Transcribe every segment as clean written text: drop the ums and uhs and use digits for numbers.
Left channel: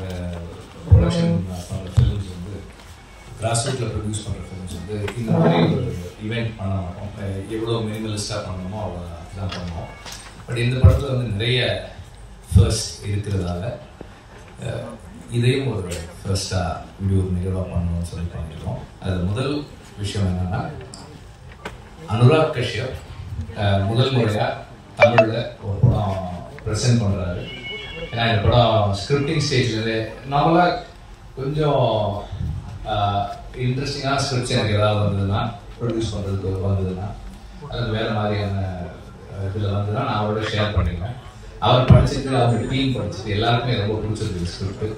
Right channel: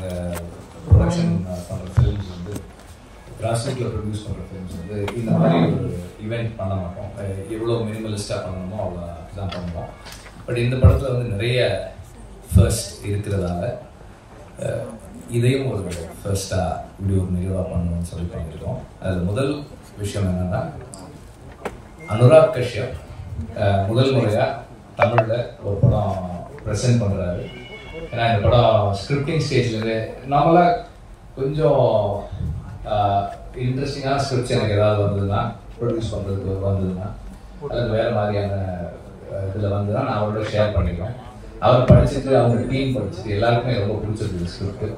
நாங்கள் ப்ரொடக்ஷன் பண்ணுற ஃபிலிம்ஸ் வந்து கிராஸ்ரூட்டில் ப்ரொடியூஸ் பண்ணுற ஃபிலிம்ஸ் வந்து இந்த மாதிரி ஒரு ஈவெண்ட் பண்ண மாட்டோம். எவ்வளோ மினிமலிஸ்டாக பண்ணணுமோ அவ்வளோ தான் பண்ணுவோம். பட் இந்த படத்தில் வந்து நிறைய ஃபர்ஸ்ட் இருக்கிறதால இதையும் ஒரு ஃபர்ஸ்ட்டாக இப்படி ஒரு நிகழ்வாக பண்ணணும்னு சொல்லி பண்ணியிருக்கோம். அதில் முதல் விஷயம் என்னென்னா, அனுராக் கஷ்யப் முதல் முறையாக தமிழில் ஒரு படம் ப்ரெசென்ட் பண்ணுறாரு. ஏன்னா இந்த படம் ஸ்கிரிப்டிங் ஸ்டேஜில் நார்மலாக கொஞ்சம் இன்ட்ரெஸ்டிங்கான ஸ்கிரிப்ட்ஸ் எனக்கு ஏதாவது வந்ததுன்னா, ப்ரொடியூஸ் பண்ணுறதுக்கு வந்ததுன்னா, அல்லது வேறு மாதிரியான இதில் வந்ததுன்னா நான் அவரோட ஷேர் பண்ணிக்குவேன். அவர் படிச்சுட்டு அவங்க டீம் படிச்சுட்டு எல்லாருக்குமே ரொம்ப பிடிச்சிருக்கு ஸ்கிரிப்ட்.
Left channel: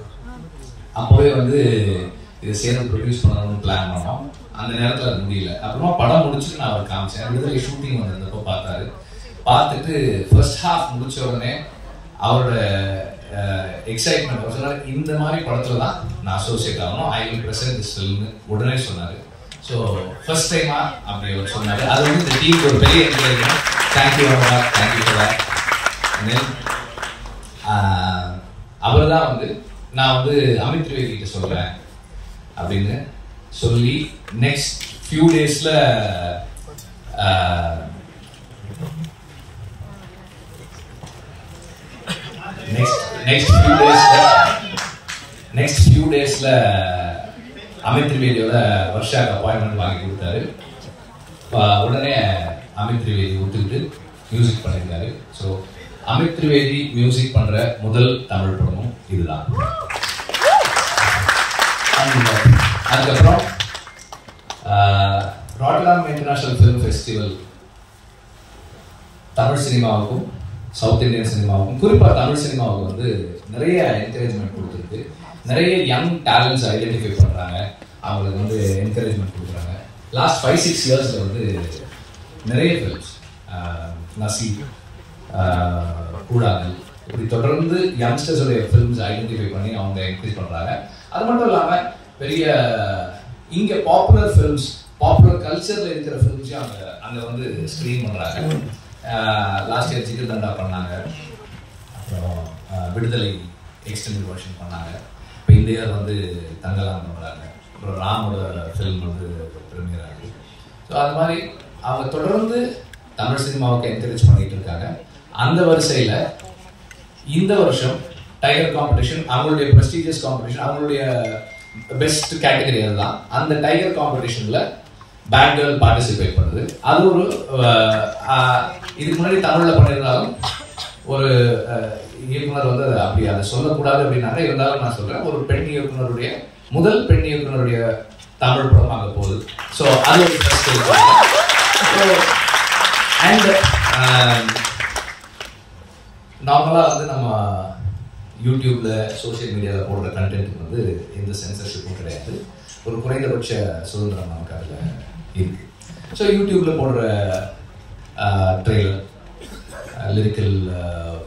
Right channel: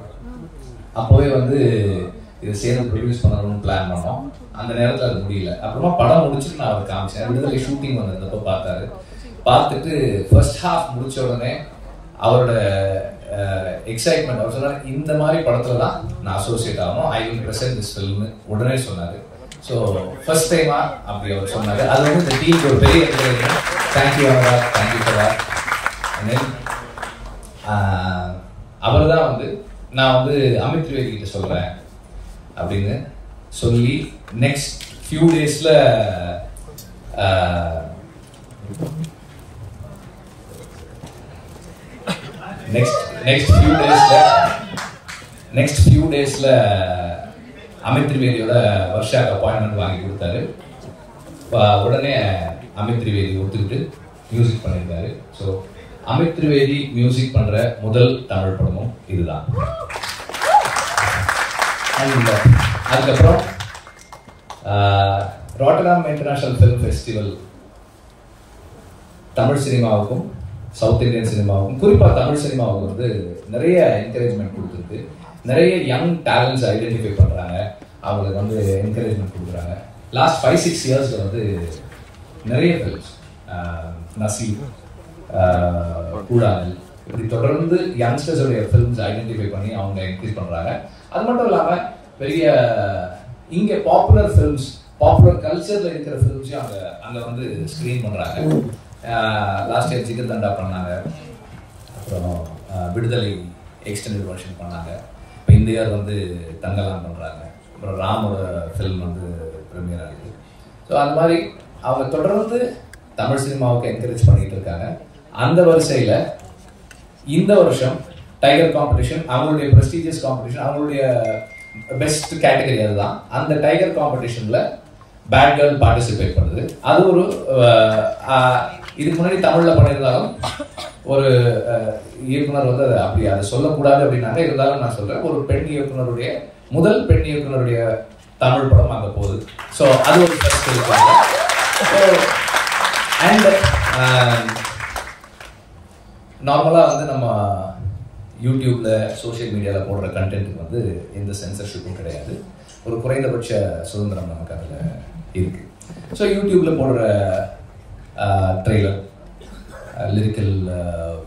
அப்போவே வந்து இதை சேர்ந்து ப்ரொடியூஸ் பண்ணணும்னு பிளான் பண்ணோம். அந்த நேரத்தில் அது முடியல. அப்புறமா படம் முடிச்சுட்டு நான் அவர் காமிச்சேன். விடுதலை ஷூட்டிங் வந்திருந்தப்போ பார்த்தாரு. பார்த்துட்டு ஃபர்ஸ்ட் ஹாஃப் முடிச்ச உடனே அவரோட எக்ஸைட்மெண்ட், அவர் சொன்னார், இந்த மாதிரி படத்தில் தான் நான் அசோசியேட் ஆகணும், ஐ வில் ப்ரெசென்ட் திஸ் ஃபில்ம்னு உடனே சொன்னார். ஸோ ஃபர்ஸ்ட் டைமா அப்படி அவர் சொன்னார். அது வந்து இந்த டீமுக்கு ஒரு பெரிய encouragement. Thank you Anurag, thank you for that. அவர் தான் வந்து நான் வந்து அமித் திரிவேதி கிட்ட சொல்கிறேன் அப்படின்னு சொல்லி நெக்ஸ்ட் ஃபியூ டேஸில் நெக்ஸ்ட் ஃபியூ டேஸ்ல அமித் திரிவேதியோட வர்ஷாக்கு அப்பாயின்மெண்ட் வாங்கி கொடுத்தாரு. உடனே அமித் திரிவேதி ஒத்துக்கிட்டு மியூசிக் பண்ணியிருக்காரு. ஸோ அமித் திரிவேதி மியூசிக் பண்ற முதல் தமிழ் படமும் இதுதான். அதுக்கப்புறம் Rotterdam international film festival Tamil சினிமாவுக்கும் சவுத் இந்தியன் சினிமாவுக்கும், குறிப்பாக தமிழ் சினிமாவுக்கு வந்து நிறைய என்கரேஜ்மெண்ட் கொடுத்துருக்கு. நிறைய யங் டேலண்ட்ஸ் ஐடென்டிஃபை பண்ணுறாங்க, அவங்களுக்கு வந்து என்கரேஜ்மெண்ட் கொடுக்குறாங்க. லாஸ்ட் 5-6 இயர்ஸில் வந்து நிறைய ஃபிலிம்ஸ், நசீப், கூடாதல், இப்படி தொடர்ந்து யங்ஸ்டர்ஸோடைய ஃபிலிம்ஸ் ஐடென்டிஃபை பண்ணி அவங்க என்கரேஜ் பண்ணுறாங்க. அது மட்டும் இல்லாமல் பெரிய இங்கே பாப்புலர் ஃபிலிம்ஸ், பாப்புலர் கல்ச்சரில் இருக்கிற ஃபிலிம்ஸையும் அங்கே வந்து ஸ்க்ரீன் பண்ணுறாங்க. லாஸ்ட் இயர் ஜிகர் தண்டா பண்ணாங்க, அப்புறம் விடுதலை எக்ஸ்டெண்டட் வெர்ஷன் பண்ணாங்க. இப்போ இந்த இயர் வந்து தங்கலாம் பண்ணுறாங்க. அப்புறம் ராமோட ஃபிலிம் வந்து ப்ரீமியர் ஆகுது. ஸோ அது மாதிரி அவங்க தொடர்ந்து தமிழ் சினிமாவுக்கு என்கரேஜ் பண்ணிட்டு இருக்காங்க. அந்த வரிசையில் இந்த வருஷம் டைகர் காம்படிஷன், அவங்களுடைய ப்ரெஸ்டீஜியஸ் காம்படிஷன், அவங்களுடைய பெஸ்ட் கேட்டகரி அதுதான். அந்த டைகர் காம்படிஷனில் பேட் கேர்ள் பார்ட்டிசிபேட் பண்ணுது. அது ஒரு இதுக்கு முன்னாடி தமிழில் பண்ணியிருந்தாலும் ஒரு இயக்குனர் வந்து அதை சொல்லக்கூடாது அப்படின்னாங்க. இருந்தாலும் நான் சொல்கிறேன், ஒரு பெண் இயக்குனருடைய முதல் பெண் இயக்குனருடைய தமிழ் படம் அங்கே போகுது. ஸோ அது ஒரு ஃபர்ஸ்ட் இருக்காங்க. அண்ட் நார்மலாக வந்து நம்ம யூடியூப்ல சோஷியல் மீடியாவில் போடுற கண்டென்ட்டுக்கு வந்து எந்த சென்சர்ஷிப்பும் கிடையாது. ஒரு குறைந்தபட்ச சுதந்திரம் நமக்கு அதில் இருக்கு. ஸோ யூடியூப்ல போடுற ட்ரெய்லர், லிரிக்கல்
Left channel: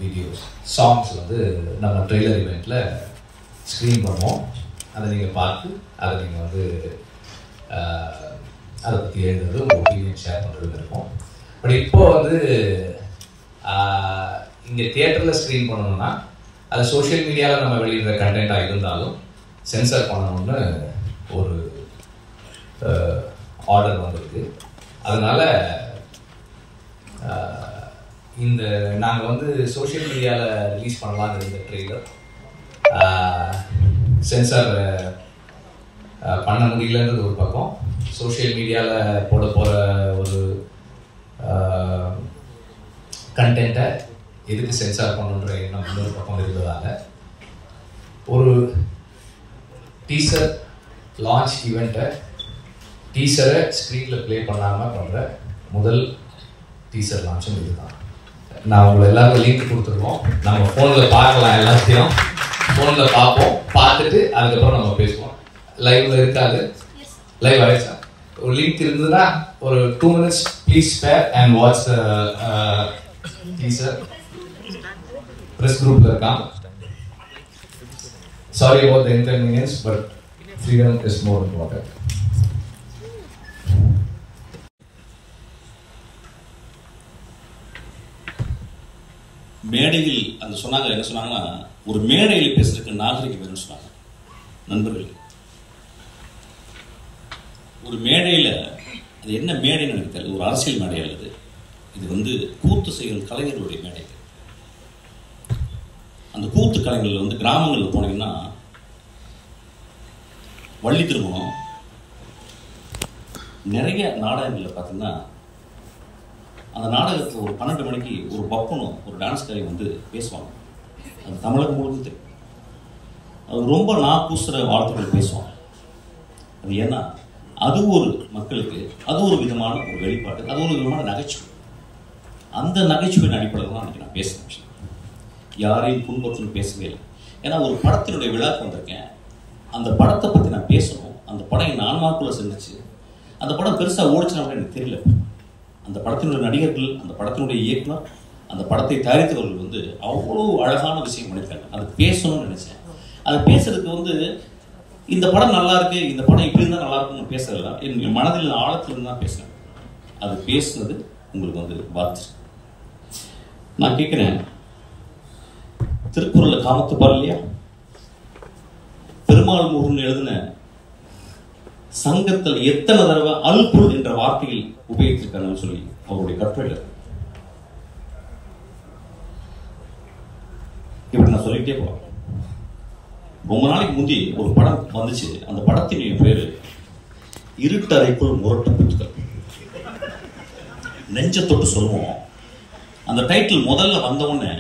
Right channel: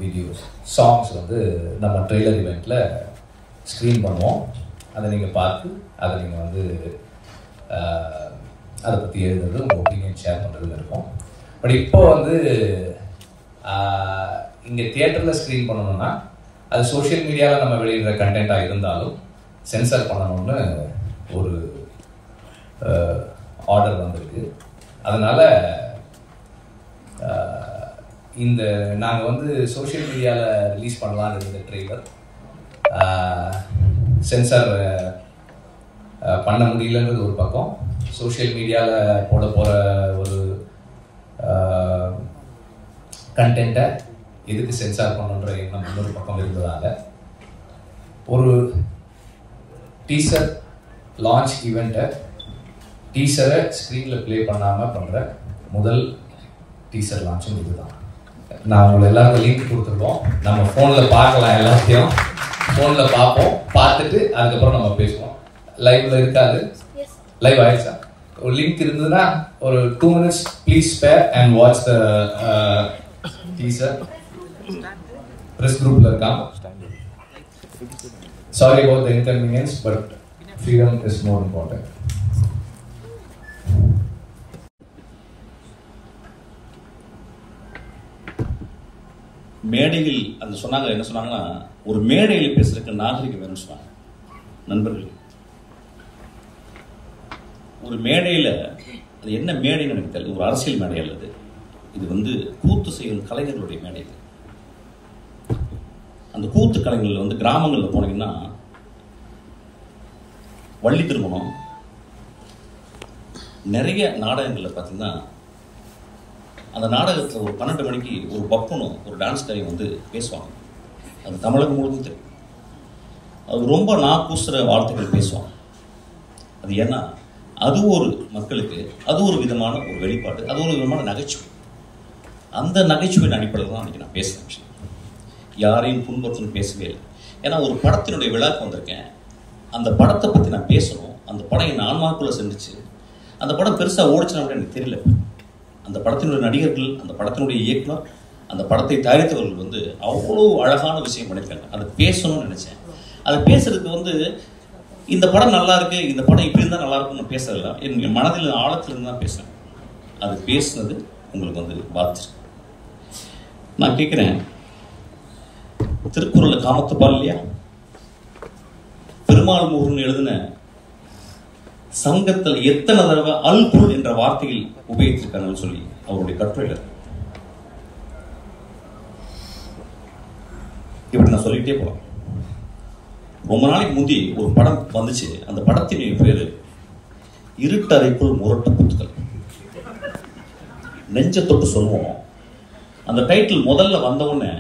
வீடியோஸ், சாங்ஸ் வந்து நம்ம ட்ரெய்லர் ஈவெண்ட்டில் ஸ்க்ரீன் பண்ணுவோம். அதை நீங்கள் பார்த்து அதை நீங்கள் வந்து அதை பற்றி எழுதுறது, உங்கள் ஒப்பீனியன் ஷேர் பண்ணுறது இருக்கும். பட் இப்போ வந்து இங்கே தியேட்டரில் ஸ்க்ரீன் பண்ணணும்னா அது சோஷியல் மீடியாவில் நம்ம வெளியிடுற கண்டென்ட்டாக இருந்தாலும் சென்சார் பண்ணணும்னு ஒரு ஆர்டர் வந்திருக்கு. அதனால இந்த நாங்கள் வந்து சோஷியல் மீடியாவில் ரிலீஸ் பண்ணலாம் இருந்த ட்ரெய்லர் சென்சார் பண்ண முடியலன்றது ஒரு பக்கம், சோஷியல் மீடியாவில் போட போகிற ஒரு கண்டென்ட்டை எதுக்கு சென்சார் பண்ணுன்ற எண்ணம் இன்னொரு பக்கம் இருந்ததால் ஒரு டீசர் லான்ச் ஈவெண்ட்டை டீசரை ஸ்க்ரீனில் ப்ளே பண்ணாமல் பண்ணுற முதல் டீசர் லான்ச்சும் இதுதான். நான் உங்களை எல்லாருக்கும் லிங்க் கொடுத்துருக்கோம். நம்ம ஃபோனில் பார்க்கலாம், எல்லாத்தையும் ஃபோனில் பார்ப்போம். பார்த்துட்டு அதுக்கப்புறம் நம்ம பேசுவோம். லைவ்ல இருக்காது, லைவ் ஆயிடுச்சா? ஒரு லிங்க் இருந்ததுன்னா ஒரு 2 minutes please spare and watch the teaser. Press குரூப்ல இருக்கான். Sorry about the inconvenience, but freedom is more important. மேடையில் அது சொன்னாங்க, என்ன சொன்னாங்கன்னா, ஒரு மேடையில் பேசுறதுக்கு நாகரிகம் வேணும்னு சொன்னாங்க. நண்பர்கள், ஒரு மேடையில், அது என்ன மேடைன்னு எனக்கு தெரியல, ஒரு அரசியல் மேடை அல்லது இது வந்து கூத்து செய்யும் கலைஞர்களுடைய மேடை. அந்த கூத்து கலைஞர்கள் வந்து கிராமங்களில் போனீங்கன்னா வள்ளி திருமணம் நிறைய நாடகங்களில் பார்த்தீங்கன்னா அந்த நாடகத்தில் ஒரு 12 மணிக்கு ஒரு பப்பனும் ஒரு டான்ஸ் காரியம் வந்து பேசுவாங்க. அது தமிழகம் முழுவதும் தெரியும். அது ரொம்ப நாக்கூசுற வார்த்தைகள் பேசுவாங்க. அது ஏன்னா அது ஒரு மக்களுக்கு அது ஒரு விதமான ஒரு வெளிப்பாடு, அது ஒரு விதமான நகைச்சுவை. அந்த நகைச்சுவையின் அடிப்படையில் தான் அன்றைக்கி நான் பேசுகிறேன். யாரையும் புண்படுத்தணும் பேசவே இல்லை. ஏன்னா ஒரு படத்தினுடைய விழாக்கு வந்திருக்கேன், அந்த படத்தை பற்றி நான் பேசணும். அந்த படம் என் ஆன்மாக்குள்ளே செஞ்சிச்சு. அந்த படம் பெருசாக ஓடிச்சுனாலும் எனக்கு தெரியல. அந்த படத்தினுடைய நடிகர்கள், அந்த படத்தினுடைய இயக்குனர், அந்த படத்தை தயாரித்தவர்கள் வந்து அவ்வளோ அழகான விஷயம் பண்ணியிருக்காங்க. அது பேசணும்னு நினைச்சேன். அது பேசுறதுக்கு வந்து இந்த படம் நல்லா இருக்கு, இந்த படம் இப்படி இருந்தால் நல்லா இருக்குன்னு பேசல, என் மனதில் ஆழத்திலிருந்து தான் பேசுறேன். அது பேசுனது உங்களுக்கு வந்து பாதிச்சு. நான் கேட்கிறேன், திருக்குறளை காமத்து பால் இல்லையா, பெருமாள் முருகன் எழுதின சங்கத்தில் எத்தனை தடவை அல்குல் என்ற வார்த்தையில் உபயோகிச்சிருக்காங்கன்னு சொல்லி அவருடைய கட்டுரை. இப்படி நான் சொல்லிட்டே போறேன். ரொம்ப நாளைக்கு முந்தி ஒரு படம் வந்துச்சு. அந்த படத்தின் பேரு இருட்டறைக்குள் முரட்டு புத்தகம். நெஞ்ச தொட்டு சொல்லுவோம். அந்த டைட்டில் முதல்ல வந்தவுடனே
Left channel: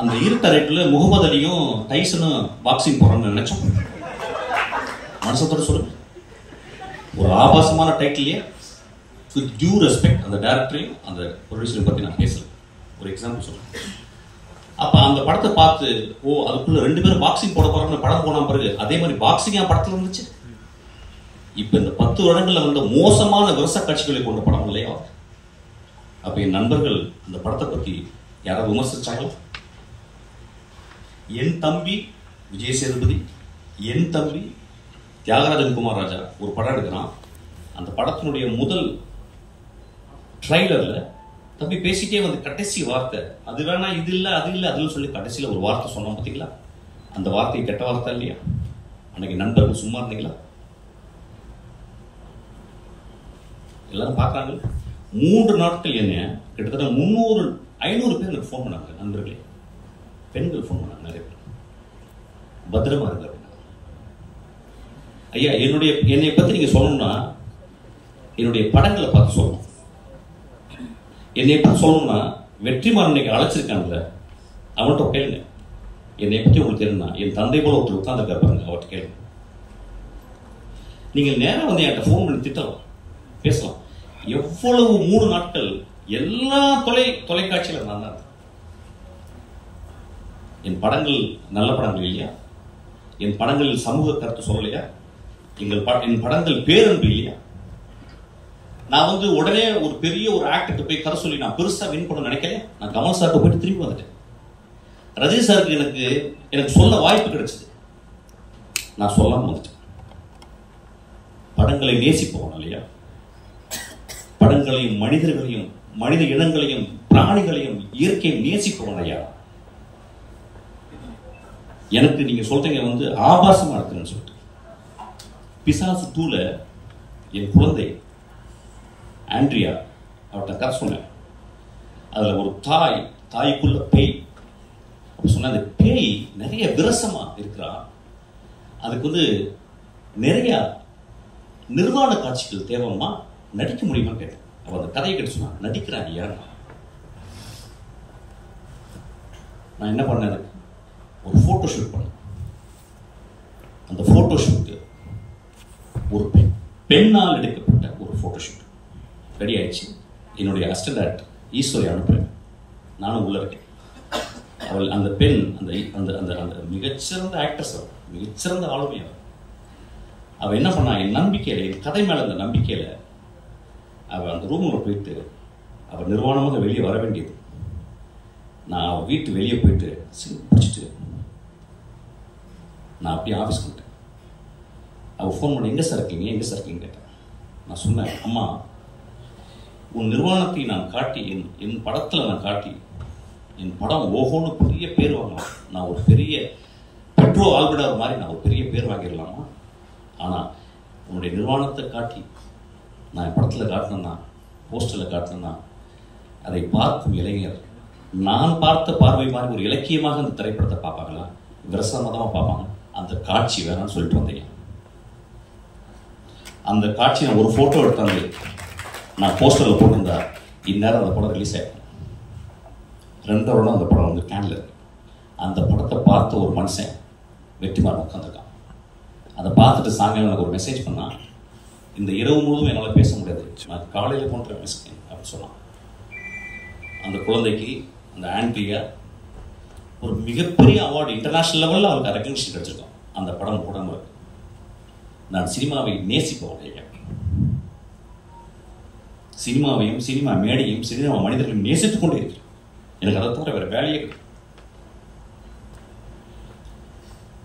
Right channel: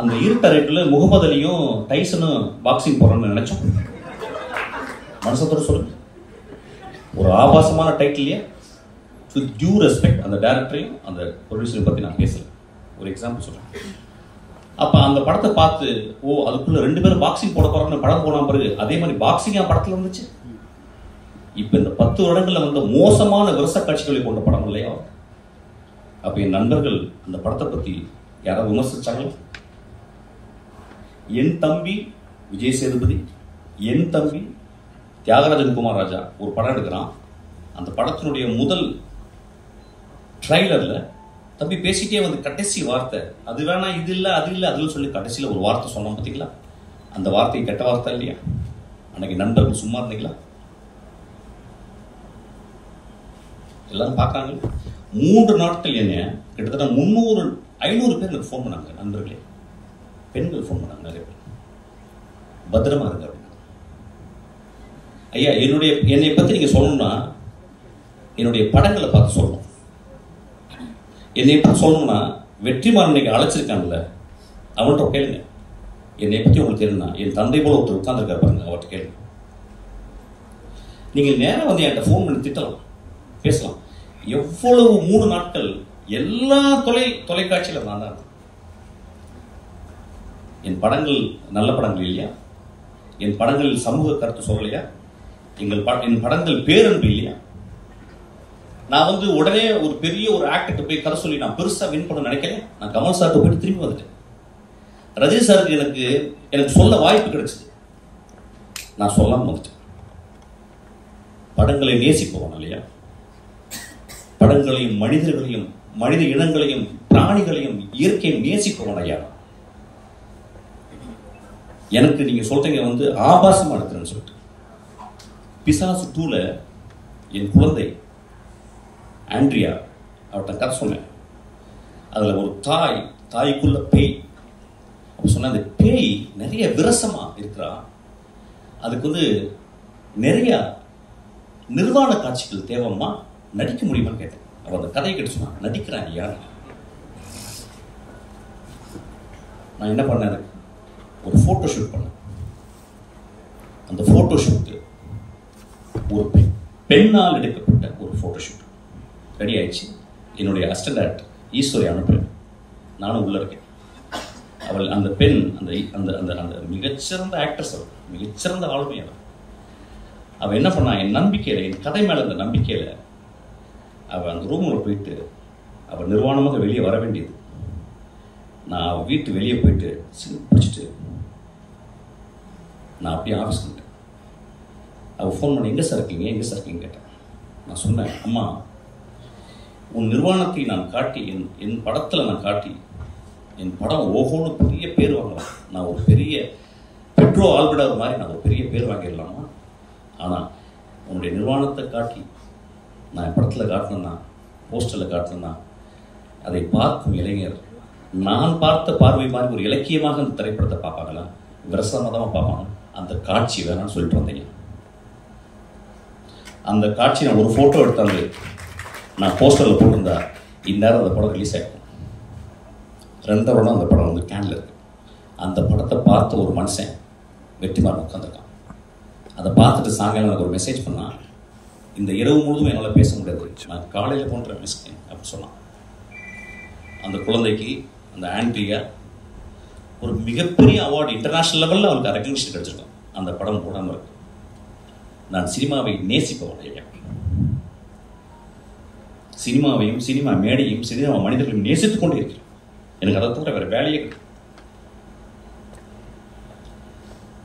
அந்த இருட்டறைக்குள்ள முகமது அலியும் டைசனும் பாக்ஸிங் போறோம்னு நினைச்சோம். மனசத்தோட சொல்லுங்க. ஒரு ஆபாசமான டைட்டில் இல்லையா? வித் டியூ ரெஸ்பெக்ட் அந்த டைரக்டரையும் அந்த ப்ரொடியூசரை பத்தி நான் பேசல. ஒரு எக்ஸாம்பிள் சொல்றேன். அப்ப அந்த படத்தை பார்த்து, ஓ அதுக்குள்ள 2 பேரும் பாக்ஸிங் போட போறாங்கன்னு படம் போன பிறகு அதே மாதிரி பாக்ஸிங் என் படத்துல இருந்துச்சு. இப்ப இந்த 10 வருடங்கள்ல வந்து மோசமான விரச காட்சிகளை கொண்ட படம் இல்லையா? அப்ப என் நண்பர்கள் அந்த படத்தை பத்தி யாராவது விமர்சிச்சாங்களா? என் தம்பி விஜய் சேதுபதி, என் தம்பி தியாகராஜன் குமார் ராஜா ஒரு படம் எடுக்கிறான். அந்த படத்தினுடைய முதல் ட்ரைலர்ல தம்பி பேசிட்டே வந்து கடைசி வார்த்தை, அது வேணா இது இல்லை அது இல்லை அதுன்னு சொல்லி கடைசியில் ஒரு வார்த்தை சொன்னோம் பார்த்தீங்களா? அந்த வார்த்தை கெட்ட வார்த்தை இல்லையா? அன்னைக்கு நண்பர்கள் சும்மா இருந்தீங்களா? எல்லாரும் பார்க்கறாங்க. 3 நாட்கள் என்ன கிட்டத்தட்ட 300-500 பேர் எனக்கு ஃபோன் பண்ணாங்க. நண்பர்களே, பெண்கள் ஃபோன் பண்ணாங்க நிறைய பேர். பத்திரமா இருக்காரு ஐயா. என்னை பத்தி நீங்க சொல்லணும்னா என்னுடைய படங்களை பார்த்து சொல்லணும். என்னை பத்தி சொல்லணும்னா வெற்றிமாறன் நீங்க அழைச்சிருக்காங்கல்ல, அவன்கிட்ட கேளுங்க. என்னை பத்தி உங்களுக்கு தெரியும்னா என் தந்தை போல ஒருத்தர் உட்கார்ந்துருக்காரு பாருங்க, அவர்கிட்ட கேளுங்க. நீங்க நேரம் வந்து என்கிட்ட ஃபோன் பண்ணி திட்டலாம், பேசலாம். எவ்வளவு 3 நாட்கள் எல்லா தொலைக்காட்சியில நான் தான். என் படங்கள் நல்ல படங்கள் இல்லையா? என் படங்களில் சமூக கருத்து சொல்லலையா? என் படங்கள் பேரன்பு இல்லையா? நான் வந்து உடனே ஒரு பெரிய ஒரு ஆக்டர்கிட்ட போய் கதை சொல்லி நான் பெருசா வின் பண்ண நினைக்கல. நான் கமல் சார்ட்ட போயிட்டு திரும்பி வந்துட்டேன். ரஜினி சாருக்கு எனக்கு சொல்ல வாய்ப்பு கிடைச்சது, நான் சொல்லாம வந்துட்டேன். படங்களை நேசிப்போம் இல்லையா? படங்களையும் மனிதர்களையும் மனித இனங்களையும் பிராணிகளையும் இயற்கையை நேசிப்பவன் ஐயா. எனக்கு நீங்க சொல்றீங்க வந்து ஆபாசமா எடுத்துறேன்னு சொல்லிட்டு. பிசாசு 2ல என் குழந்தை ஆண்ட்ரியா அவர்கிட்ட கதை சொன்னேன். அதுல ஒரு தாய்க்குள்ள பேய் சொன்ன. அந்த பேய் நிறைய விரசமா இருக்கிறா. அதுக்கு வந்து நிறைய நிர்வாண காட்சிகள் தேவைமா, நடிக்க முடியுமான்னு கேட்டேன். அவன் அந்த கதையை கேட்டு சொன்னான், நடிக்கிறான் ஐயா. நான் என்ன பண்ணேன், ஒரு போட்டோ ஷூட் பண்ணேன். அந்த போட்டோ ஷூட் ஒரு பெண்ணால் எடுக்கப்பட்ட ஒரு போட்டோ ஷூட் ரெடி ஆயிடுச்சு. என்னுடைய அசிஸ்டன்ட் டைரக்டர் ஈஸ்வரி அனுப்புறேன், நானும் உள்ள இருக்கேன். அவள் அந்த பெண் அந்த மிகச்சிறந்த ஆக்ட்ரஸ், மிகச்சிறந்த ஆளுமை. அவள் என்ன பண்ணா, என் நம்பிக்கையில, என் கதை மேல இந்த நம்பிக்கையில அவள் அந்த ரூம்ல போயிட்டு அவள் நிர்வாணமாக வெளியே வர வேண்டியது. நான் அவள் வீட்டு வெளியே போயிட்டு பிடிச்சிட்டு நான் அப்படியே ஆஃபீஸ் பண்ணிட்டேன். அவள் ஃபோன் பண்ணி எங்கே சார் இருக்கீங்க கேட்டேன். நான் சொன்னேன், அம்மா உன் நிர்வாணத்தை நான் காட்டி, என் படத்தில் நான் காட்டி என் படம் ஓஹோன்னு பெரிய பேர் வாங்கலாம், நான் ஒரு பெரிய பெட்ரோ ஆல்பர்டர் மாதிரி நான் ஒரு பெரிய பேர் வாங்கிடலாமா? ஆனால் உன்னுடைய நிர்வாணத்தை காட்டி நான் என் படத்தில் காட்டினேன்னா, போஸ்டரில் காட்டினேன்னா, அதை பார்க்கும் இளைஞர் நான் பார்த்த பார்வை மாதிரி ஒரு இலக்கியமாக அந்த திரைப்படத்தை பார்ப்பாங்களா? விரசமாக தான் பார்ப்பாங்க. அந்த காட்சி வேணாம்னு சொல்லிட்டு வந்தீங்க. அந்த காட்சி நான் ஒரு ஃபோட்டோ எடுத்தாந்து நான் போஸ்டரில் போட்டிருந்தா இந்நேரம் அந்த படம் ரிலீஸ் ஆகிடும். 2 வருடம் அந்த படம் வந்து கேன்ல இருக்கு. அந்த படத்தை பார்த்த ஒரு மனுஷன் வெற்றிமாறன் உட்காந்துருக்கான். அதை பார்த்துட்டு சாயங்காலம் எனக்கு ஒரு மெசேஜ் பண்ணான், இந்த இரவு முழுவதும் என்னால் பேச முடியாது, நான் காலையில் போன்ற மெசேஜ் அப்படின்னு சொன்னான். அந்த குழந்தைக்கு, அந்த ஆண்ட்ரியா ஒரு மிகப்பெரிய அவார்டு இன்டர்நேஷனல் லெவலில் அவங்களுக்கு ரெகக்னிஷன் கிடைச்சிருக்கோம். அந்த படம் போடாமல் இருக்கு. நான் சினிமாவை நேசிக்க வந்தேன். சினிமாவையும் சினிமா மேடையும் சினிமா மனிதர்களையும் நேசித்துக் கொண்டே இருக்கிறேன். எனக்கு அதை தவிர வேற வேலையே.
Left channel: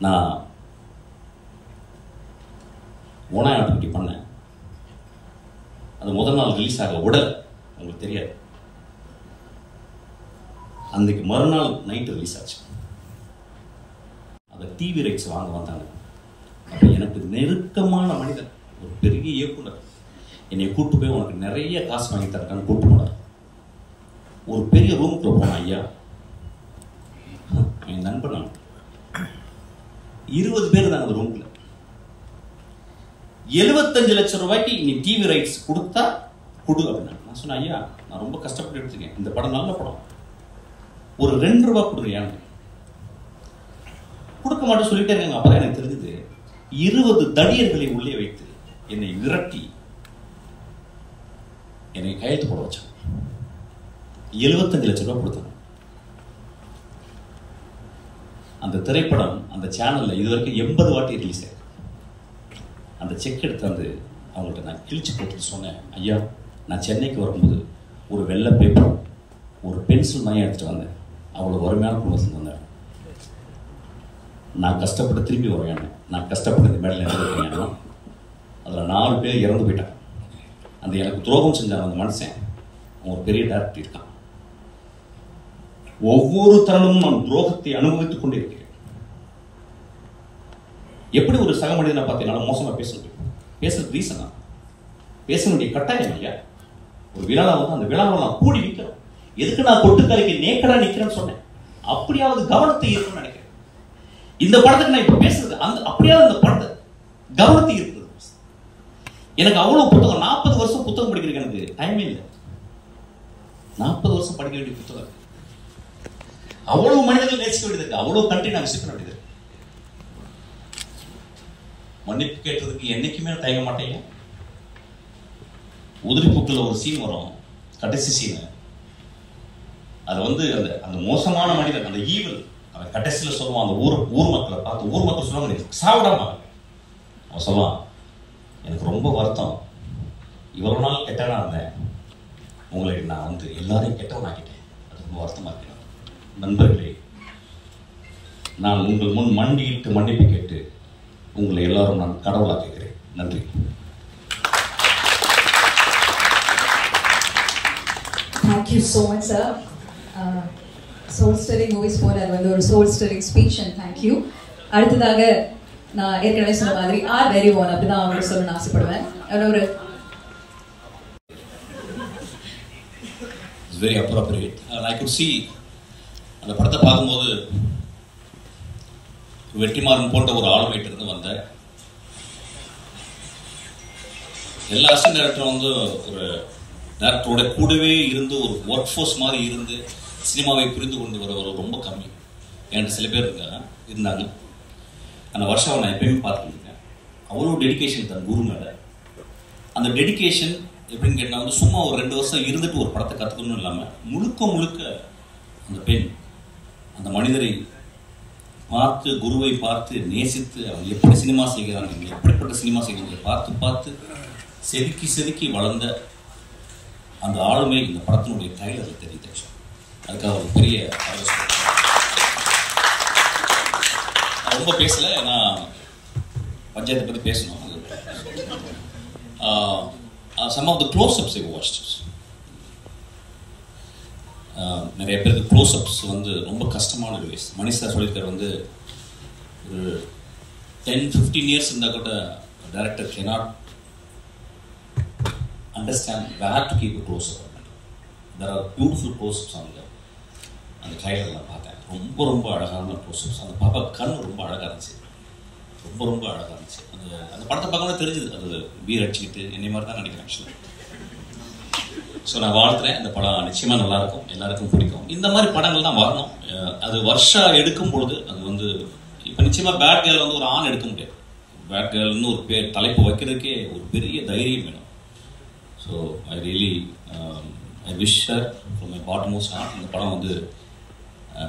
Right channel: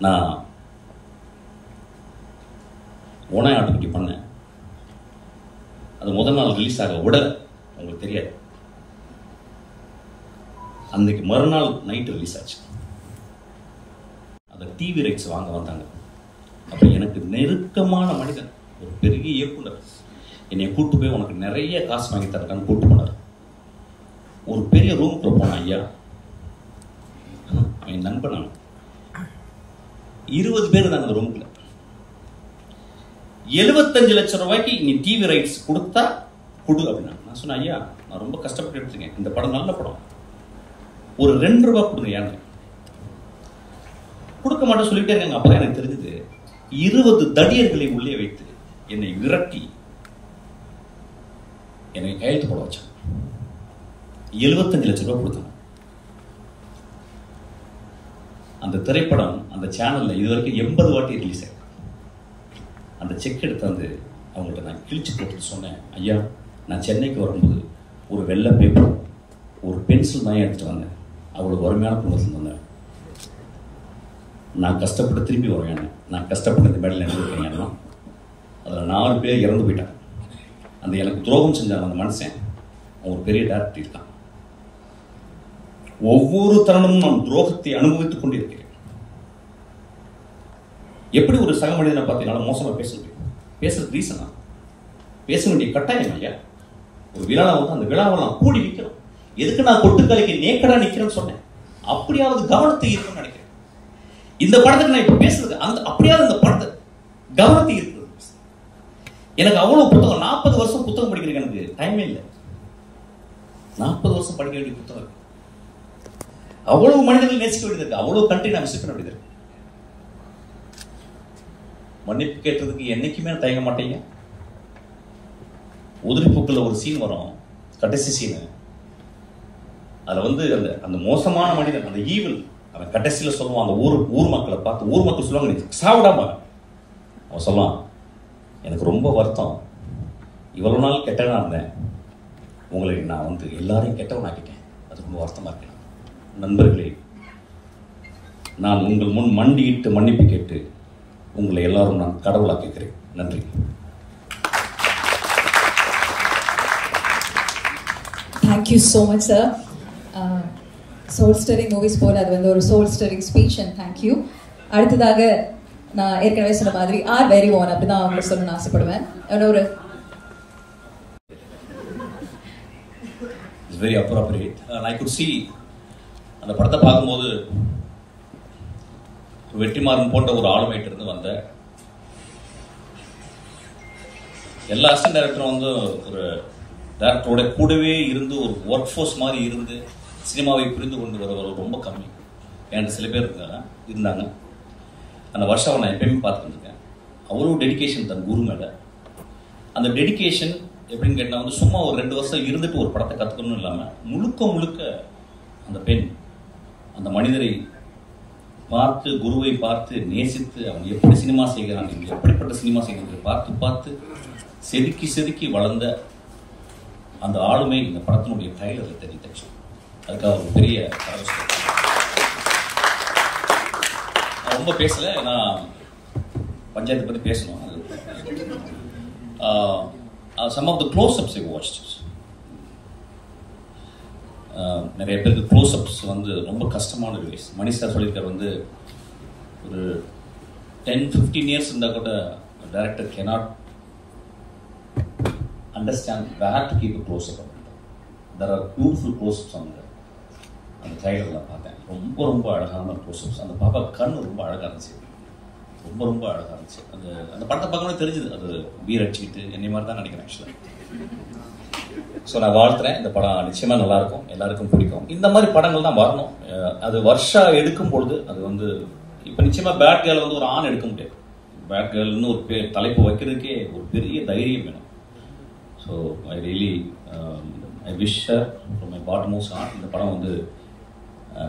நான் ஓனாய் ஆக்டிவிட்டி பண்ணேன். அது முதல் நாள் ரிலீஸ் ஆக விடலை, உங்களுக்கு தெரியாது. அன்னைக்கு மறுநாள் நைட்டு ரிலீஸ் ஆச்சு. அதை டிவி ரைட்ஸ் வாங்க வந்தாங்க. அப்போ எனக்கு நெருக்கமான மனிதன், ஒரு பெரிய இயக்குனர் என்னை கூட்டு போய் உனக்கு நிறைய காசு வாங்கி தரக்கான்னு கூட்டு போனார். ஒரு பெரிய ரூமுக்குள்ள போன ஐயா, என் நண்பன் 20 பேர் தாங்க அந்த ரூமுக்குள்ள. 75 லட்சம் ரூபாய்க்கு நீ டிவி ரைட்ஸ் கொடுத்தா கொடு அப்படின்னா. நான் சொன்னேன், ஐயா நான் ரொம்ப கஷ்டப்பட்டு எடுத்துக்கேன், இந்த படம் நல்ல படம், ஒரு 2 ரூபாய் கொடுங்க. கொடுக்க மாட்டேன்னு சொல்லிட்டே இருக்காங்க. அப்பதான் எனக்கு தெரிஞ்சது 20 தடியர்களை உள்ளே வைத்து என்னை விரட்டி என்னை கையெழுத்து போட வச்சாங்க. 75 லட்சம் ரூபாய் கொடுத்தாங்க. அந்த திரைப்படம் அந்த சேனல்ல இதுவரைக்கும் 80 வாட்டி ரிலீஸ் ஆயிருக்கு. அந்த செக் எடுத்து வந்து அவங்கள்ட்ட நான் கிழிச்சு போட்டு சொன்னேன், ஐயா நான் சென்னைக்கு வரும்போது ஒரு வெள்ளை பேப்பர் ஒரு பென்சில் தான் எடுத்துட்டு வந்தேன், அவ்வளோ வறுமையான குடும்பத்தில் வந்தேன், நான் கஷ்டப்பட்டு திரும்பி வருவேன், நான் கஷ்டப்பட்டு இந்த மேடையில் நினைக்கிறேன். அதில் 4 பேர் இறந்து போயிட்டாங்க. அந்த எனக்கு துரோகம் செஞ்சாங்க அந்த மனுஷன், அவன் ஒரு பெரிய டேரக்டர் இருக்கான். ஒவ்வொரு தருணமும் நான் துரோகத்தை அனுபவித்துக் கொண்டிருக்கிறேன். எப்படி ஒரு சக மனிதனை பார்த்து என்னால் மோசமா பேச முடியும்? பேசுறது ரீசனா? பேச வேண்டிய கட்டாயம் ஐயா. ஒரு விழாவை வந்து அந்த விழாவை நான் கூடி நிற்கிறேன். எதுக்கு நான் கொட்டுக்கலைக்கு நேக்கடா நிற்கிறேன்னு சொன்னேன். அப்படியாவது கவனத்தை இருக்குன்னு நினைக்கிறேன். இந்த படத்துக்கு நான் இப்ப பேசுறது அந்த அப்படியாவது இந்த படத்தை கவனத்தை இருக்குது. எனக்கு அவ்வளவு புத்தகம், 40 வருஷம் புத்தகம் படிக்கிறதுக்கு எனக்கு டைமே இல்லை. 40 வருஷம் படிக்க வேண்டிய புத்தகம், அவ்வளவு மனிதர்கள் நேசிக்க வேண்டியது இருக்கு, அவ்வளவு கண்ட்ரி நான் விசிட் பண்ண வேண்டியது இருக்கு. மன்னிப்பு கேட்டதுக்கு என்னைக்குமே தயங்க மாட்டேங்க. உதிரிப்பூக்குள்ள ஒரு சீன் வரும், கடைசி சீன். அதுல வந்து அந்த மோசமான மனிதன், அந்த ஈவில், அவன் கடைசியில சொல்லுவான், அந்த ஊர் மக்களை பார்த்து, ஊர் மக்கள் சொல்லுவாங்க சாவிடாம, அவன் சொல்லுவான், எனக்கு ரொம்ப வருத்தம், இவ்வளவு நாள் கெட்டவனா இருந்தேன், உங்களுக்கு நான் வந்து எல்லாரையும் கெட்டவன் ஆக்கிட்டேன், அது ரொம்ப வருத்தமா இருக்கேன். நண்பர்களே, நான் உங்கள் முன் மண்டியிட்டு மன்னிப்பு கேட்டு உங்களை எல்லாரும் நான் கடவுளாக்குகிறேன். நன்றி. Thank you so much, sir. Soul stirring movies போல அது வந்து ஒரு soul stirring speech and thank you. அடுத்ததாக நான் ஏற்கனவே சொன்ன மாதிரி ஆர் வெரி ஓன் அப்படிதான் அவங்க சொல்லணும்னு ஆசைப்படுவேன். ஒரு It's very appropriate. I could see அந்த படத்தை பார்க்கும்போது வெற்றிமாறன் போன்ற ஒரு ஆளுமையிட்ட இருந்து வந்த எல்லா அசிஸ்டன்ட் டைரக்டரும் வந்து ஒரு டைரக்டரோட கூடவே இருந்து ஒரு ஒர்க் ஃபோர்ஸ் மாதிரி இருந்து சினிமாவை புரிந்து கொண்டு வரவர் ரொம்ப கம்மி. என்கிட்ட சில பேர் இருந்தாங்க. அந்த வருஷம் நான் எப்பயுமே பார்த்துருக்கேன். அவ்வளோ டெடிக்கேஷன் தன் குரு மேலே. அந்த டெடிக்கேஷன் எப்படின்னு கேட்டால் வந்து சும்மா ஒரு 2 வருஷம் இருந்துட்டு ஒரு படத்தை கற்றுக்கணும்னு இல்லாமல் முழுக்க அந்த பெண் அந்த மனிதரை பார்த்து, குருவை பார்த்து நேசித்து, அவங்க எப்படி சினிமா செய்கிறாங்க, எப்படிப்பட்ட சினிமா செய்கிறாங்க பார்த்து செதுக்கி வளர்ந்த அந்த ஆளுமை இந்த படத்தினுடைய ட்ரைலரில் தெரியுது. அதுக்காக ஒரு பெரிய ரொம்ப பேசலை, நான் பஞ்சாயத்தை பற்றி பேசணும். some of the close-ups I watched. நிறைய பேருக்கு க்ளோஸ்அப்ஸ் வந்து ரொம்ப கஷ்டமான ரிலீஸ். மணி சார் சொல்லியிருக்காரு வந்து ஒரு 10-15 இயர்ஸ் இருந்தால் கூட director cannot understand where to keep a close-up. There are beautiful close-ups அந்த ட்ரைலர் நான் பார்த்தேன். ரொம்ப ரொம்ப அழகான க்ளோஸ்அப்ஸ். அந்த பாப்பா கண் ரொம்ப அழகாக இருந்துச்சு, ரொம்ப ரொம்ப அழகாக இருந்துச்சு. அந்த படத்தை பார்க்கும்போது தெரிஞ்சுது அது பீர் அடிச்சுக்கிட்டு என்னை மாதிரி தான் நினைக்கிறேன் ஆக்சுவலாக. ஸோ நான் வாழ்த்துறேன். இந்த படம் நிச்சயமாக நல்லாயிருக்கும், எல்லாருக்கும் பிடிக்கும். இந்த மாதிரி படங்கள் தான் வரணும். அது வருஷம் எடுக்கும் பொழுது அது வந்து இப்போ நிச்சயமாக பேட் கேர்ள் வந்து ஒரு ஆண் எடுக்க முடியாது. பேட் கேர்ள்னு ஒரு பேர் தலைப்பு வைக்கிறதுக்கே ஒரு பெரிய தைரியம் வேணும். So I really I wish her from my bottommost heart இந்த படம் வந்து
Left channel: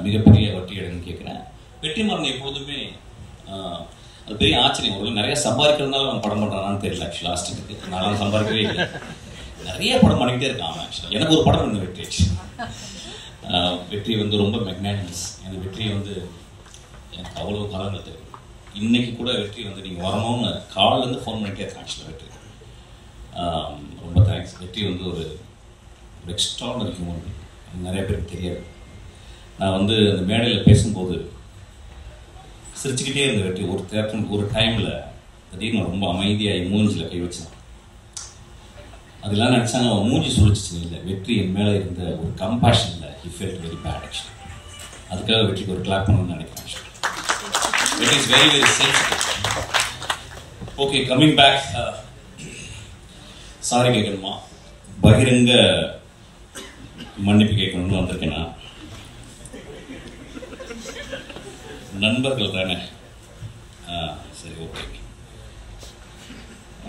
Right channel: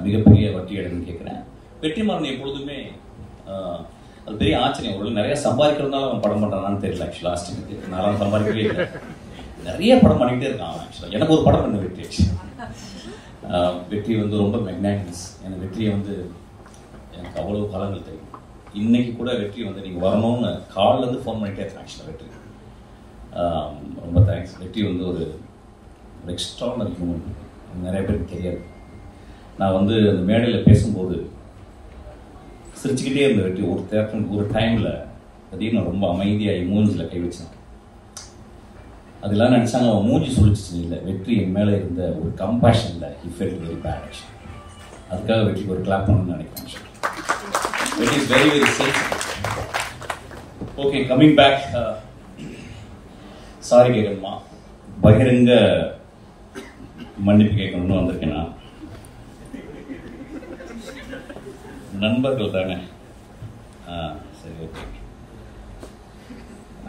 மிகப்பெரிய வட்டி அடைன்னு கேட்குறேன். வெற்றிமாறன் எப்பொழுதுமே அது பெரிய ஆச்சரியம். ஒரு நிறைய சம்பாதிக்கிறதுனால அவன் படம் பண்ணுறானான்னு தெரியல. ஆக்சுவலாக லாஸ்ட்டுக்கு நான் சம்பாதிக்கவே இல்லை, நிறைய படம் பண்ணிக்கிட்டே இருக்கான் அவன். ஆக்சுவலாக எனக்கு ஒரு படம் பண்ண வெற்றி வந்து ரொம்ப மெக்னானிமஸ். எனக்கு வெற்றியை வந்து எனக்கு அவ்வளவு காலங்கள் தெரியும். இன்னைக்கு கூட வெற்றி வந்து நீங்கள் வரணும்னு காலிலேருந்து ஃபோன் பண்ணிகிட்டே இருக்கேன். ஆக்சுவலாக வெற்றி ரொம்ப தேங்க்ஸ். வெற்றி வந்து ஒரு எக்ஸ்ட்ரானரி ஹியூமன் பீயிங், நிறைய பேருக்கு தெரியாது. நான் வந்து அந்த மேடையில் பேசும்போது சிரிச்சுக்கிட்டே இருந்த வெற்றி ஒரு டைமில் திடீர்னு ரொம்ப அமைதியாகி மூஞ்சில் கை வச்சான். அதெல்லாம் நினச்சாங்க அவன் மூஞ்சி சுழிச்சிச்சு. இல்லை, வெற்றி என் மேலே இருந்த ஒரு கம்பேஷனில் he felt very bad actually. அதுக்காக வெற்றிக்கு ஒரு கிளாப் பண்ணணும்னு நினைக்கிறேன். Vetri is very very safe. Okay, coming back. Sorry கேட்கணுமா, பகிரங்க மன்னிப்பு கேட்கணும்னு வந்திருக்கேன். நான் நண்பர்கள் தானே, சரி okay.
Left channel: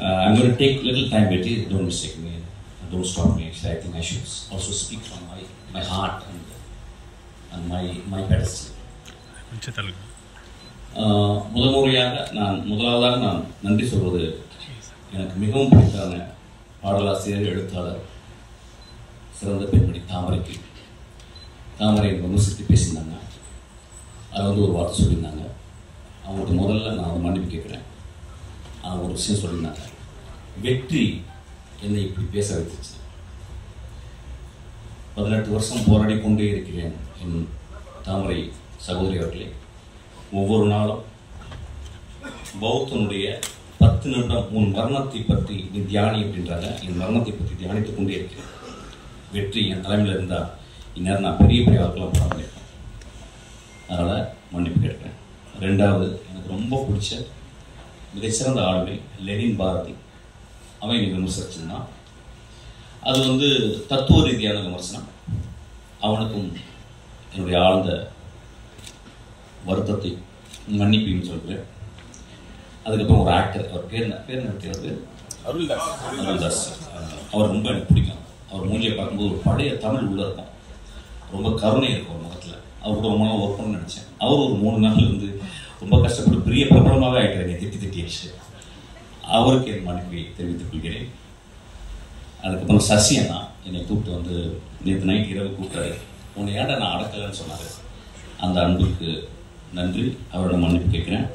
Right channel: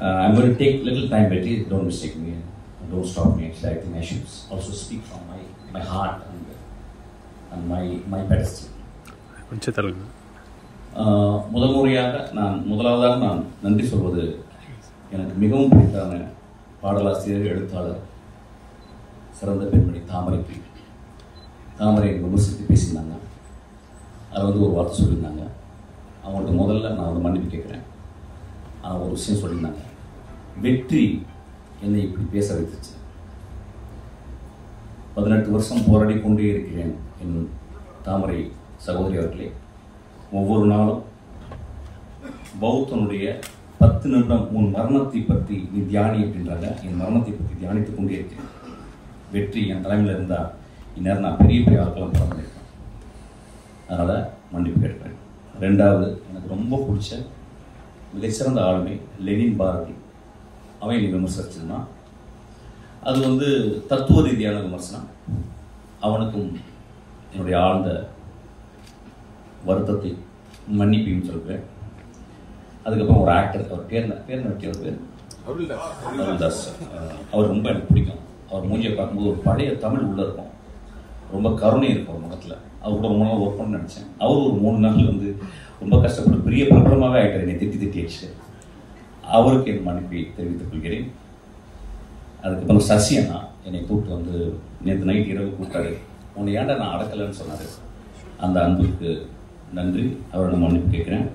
I'm going to take little time, Betty. Don't mistake me. Don't stop me. Actually, I think I should also speak from my heart and my pedestal. முதலாவதாக நான் நன்றி சொல்வது எனக்கு மிகவும் பிடித்தான பாடலாசிரியர், எழுத்தாளர், சிறந்த பெண்மணி தாமரை விமர்சித்து பேசியிருந்தாங்க. அது வந்து ஒரு வார்த்தை சொல்லியிருந்தாங்க. அவங்களுக்கு முதல்ல நான் வந்து மன்னிப்பு கேட்குறேன். ஆனால் ஒரு விஷயம் சொல்லியிருந்தாங்க, வெற்றி என்னை இப்படி பேச வைத்துச்சு. 18 வருஷம் போராடி கொண்டே இருக்கிறேன் என் தாமரை சகோதரி அவர்களே. ஒவ்வொரு நாளும் பௌத்தனுடைய 10 நிமிடம் உன் மரணத்தை பற்றி நீ தியானி அப்படின்றாங்க. என் மரணத்தை பற்றி தியானித்துக் கொண்டே இருக்கிறேன். வெற்றி என் தலைமையில் இருந்தால் இந்நேரம் நான் பெரிய பெரிய ஆட்களாக படம் பண்ணியிருக்கேன். அதனால் மன்னிப்பு கேட்குறேன். ரெண்டாவது, எனக்கு ரொம்ப பிடிச்ச மிகச்சிறந்த ஆளுமை லெனின் பாரதி. அவன் என்னை விமர்சிச்சிருந்தான். அது வந்து தத்துவ ரீதியான விமர்சனம். அவனுக்கும் என்னுடைய ஆழ்ந்த வருத்தத்தை மன்னிப்பையும் சொல்கிறேன். அதுக்கப்புறம் ஒரு ஆக்டர், அவர் பேர் அருள்தாஸ். அவர் ரொம்ப எனக்கு பிடிக்கும். அவர் மூஞ்சியை பார்க்கும்போது ஒரு பழைய தமிழ் உள்ளே இருக்கும், ரொம்ப கருணை இருக்கும் ஒரு முகத்தில். அவர் கூட ரொம்ப நாள் ஒர்க் பண்ண நினச்சேன். அவர் ஒரு 3 நாள் வந்து ரொம்ப கஷ்டப்பட்டு பெரிய பிரபலமாகவே ஆகிட்டார். என்னை திட்டி அடிச்சு. அவருக்கு என் மன்னிப்பை தெரிவித்துக் கொள்கிறேன். அதுக்கப்புறம் சசி அண்ணா என்னை கூப்பிட்டு வந்து நேற்று நைட் இரவு கூப்பிட்டாரு. உன்னை ஏன்டா நான் அடக்கலைன்னு சொன்னார். அந்த அன்புக்கு நன்றி, அவரோட மன்னிப்பு கேட்குறேன்.